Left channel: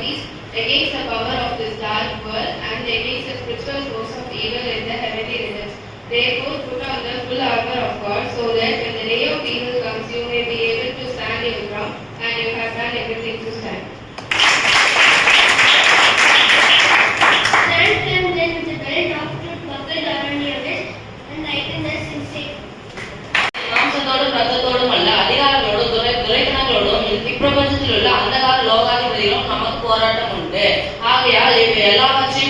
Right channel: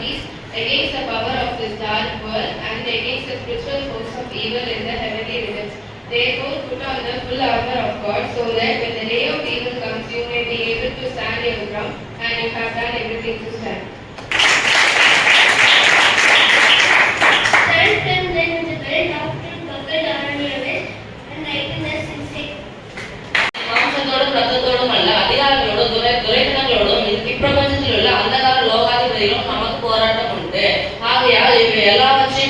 armies against the power of this dark world and against the spiritual force of evil in the heavenly realms. Therefore, put on the full armor of God, so that when the day of evil comes, you may be able to stand your ground, and you have done everything to stand. Stand firm then with the belt of truth buckled around your waist, and righteousness in step. மாம்சத்தோடும் ரத்தத்தோடும் அல்ல, அதிகாரங்களோடும் துரைத்தனங்களோடும் இப்பிரபஞ்சத்தில் உள்ள அந்தகார லோகாதிபதிகளும் நமக்கு போராட்டம் உண்டு. ஆகையால் இவை எல்லாவற்றையும்